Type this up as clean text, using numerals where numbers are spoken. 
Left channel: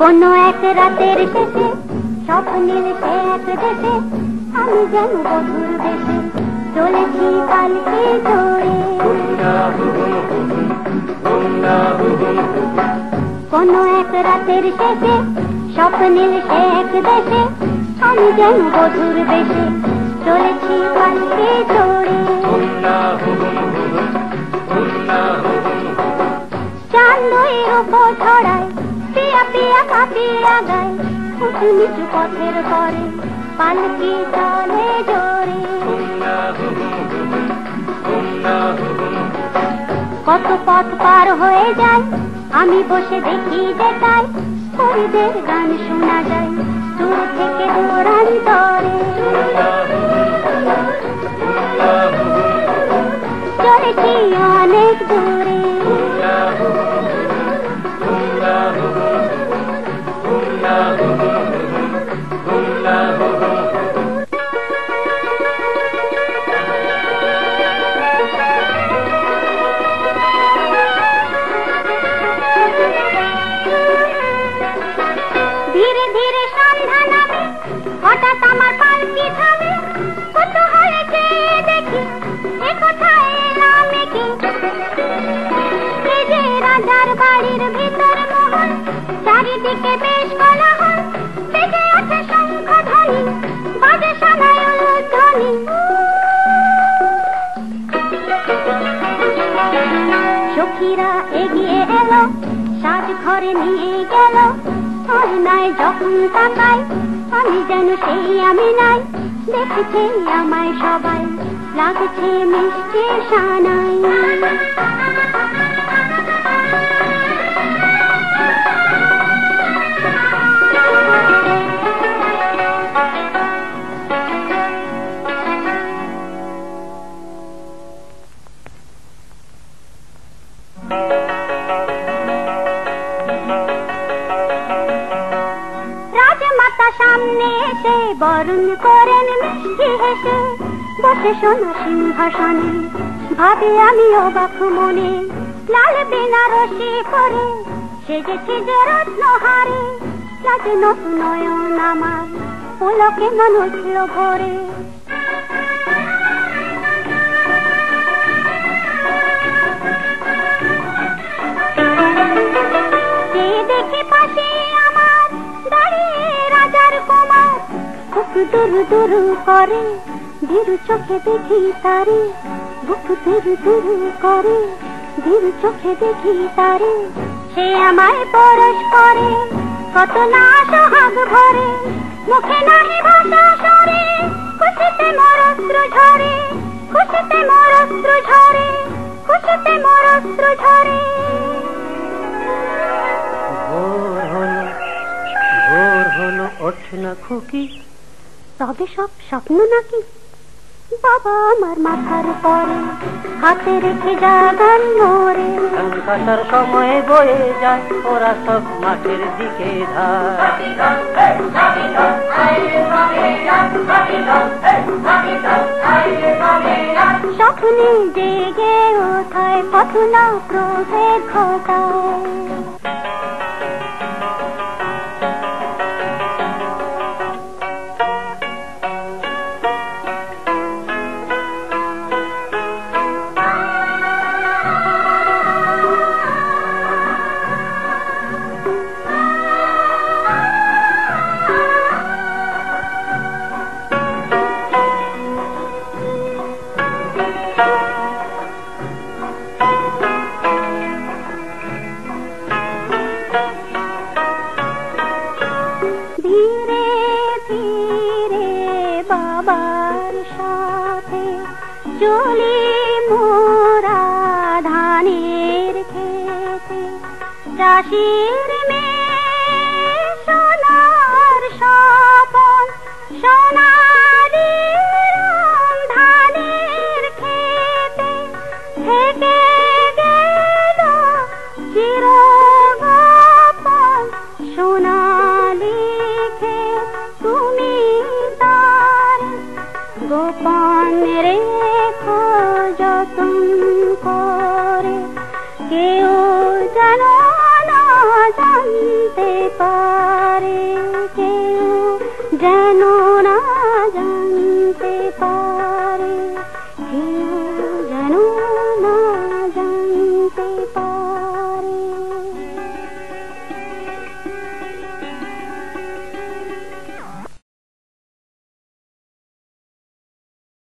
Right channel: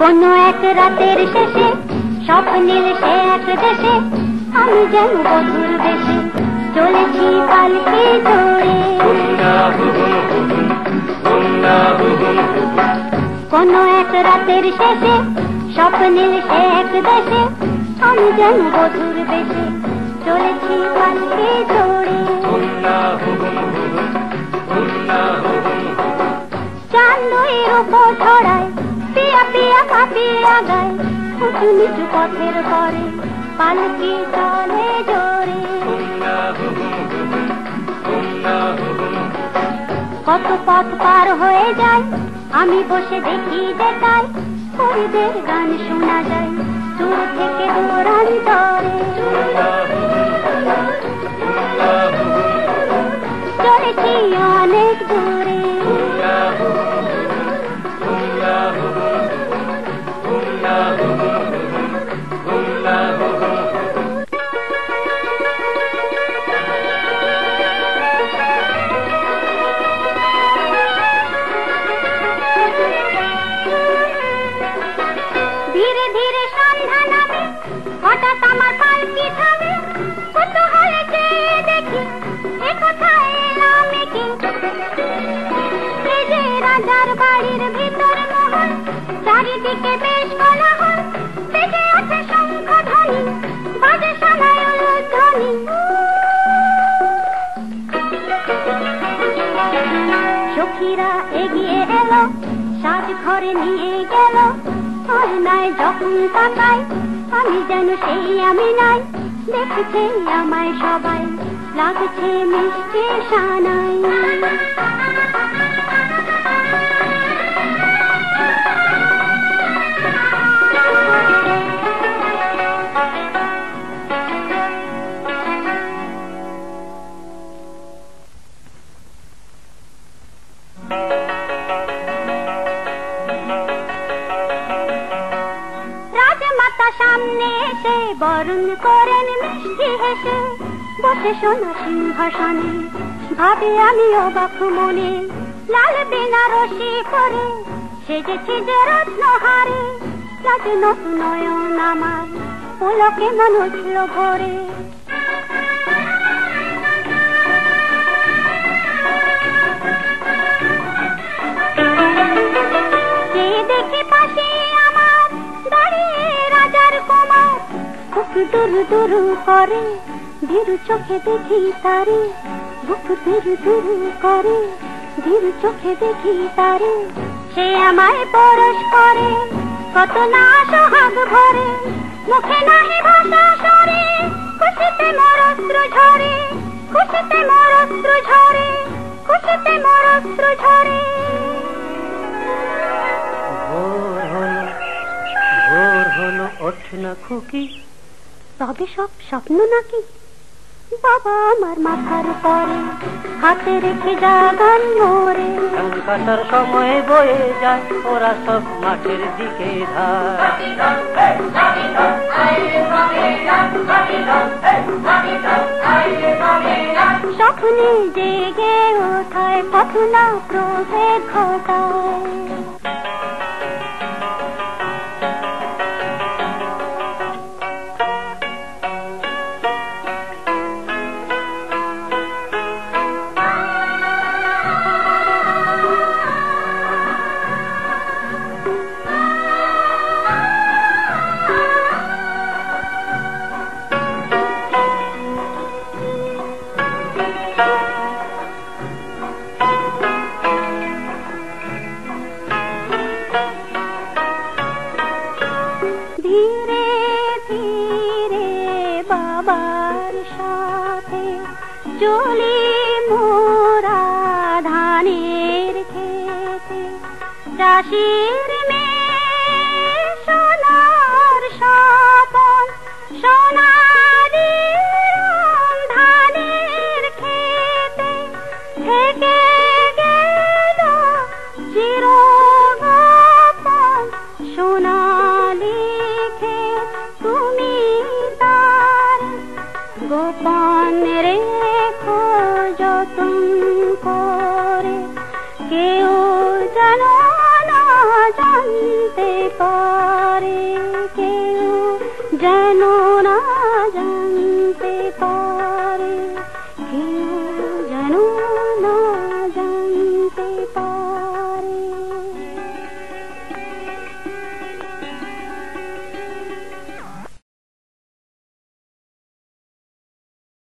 কোনো এক রাতের শেষে স্বপ্নের সে এক দেশে আমি যেন বধুর দেশে চলেছি পালকি চড়ে। কোনো এক রাতের শেষে স্বপ্নের সে এক দেশে আমি যেন বধুর দেশে চলেছি পালকি চড়ে। চাঁদের উপর ছড়ায় পিয়া পিয়া কাঁপিয়ে আগায় উঁচু নিচু পথের পরে পালকি চলে জোরে। কত পথ পার হয়ে যায় আমি বসে দেখি দেখাই হরিদের গান শোনা যায় দূর থেকে দূরান্তরে। চলেছি অনেক দূরে ধীরে ধীরে সন্ধ্যা নামে হঠাৎ আমার পালকি থামে কৌতূহলে চেয়ে দেখি এ কোথায় এলাম কি। এই যে রাজার বাড়ির ভিতর মহল চারিদিকে বেশ কোলাহল বেজে ওঠে শঙ্খ ধ্বনি বাজে সানায় উলুধ্বনি। সখীরা এগিয়ে এল সাজ ঘরে নিয়ে গেল নাই যখন তাকাই আমি যেন সেই আমি নাই দেখেছি আমায় সবাই লাগছে মিষ্টি সানাই। সামনে এসে বরণ করেন মিষ্টি হেসে বসে সোনা সিংহাসনে ভাবে আমি অবাক মনে লাল বেনারসি পরে সেজেছি যে রত্নহারে লাগে নতুন নয়ন আমার পুলকে মন উঠল ভরে। দেখে পাশে আমার দাঁড়িয়ে রাজার কুমার বুক দুরু দুরু করে ধীরু চোখে দেখি তারে বুক দুরু দুরু করে ধীরু চোখে দেখি তারে সে আমায় পরশ করে কত না সোহাগ ভরে মুখে নাহি ভাষা সরে খুশিতে মোর অশ্রু ঝরে খুশিতে মোর অশ্রু ঝরে খুশিতে মোর অশ্রু ঝরে। ভোর হলো ওঠ না খুকি তবে সব স্বপ্ন নাকি বাবা আমার মাথার পরে হাতে রেখে জাগান মোরে ধান কাটার সময় বয়ে যায় ওরা সব মাঠের দিকে স্বপ্নে জেগে ওঠায় পাখনা প্রভেদ ঘটায়। চলি মোরা ধানের খেতে চাষির মেয়ে সোনার যেন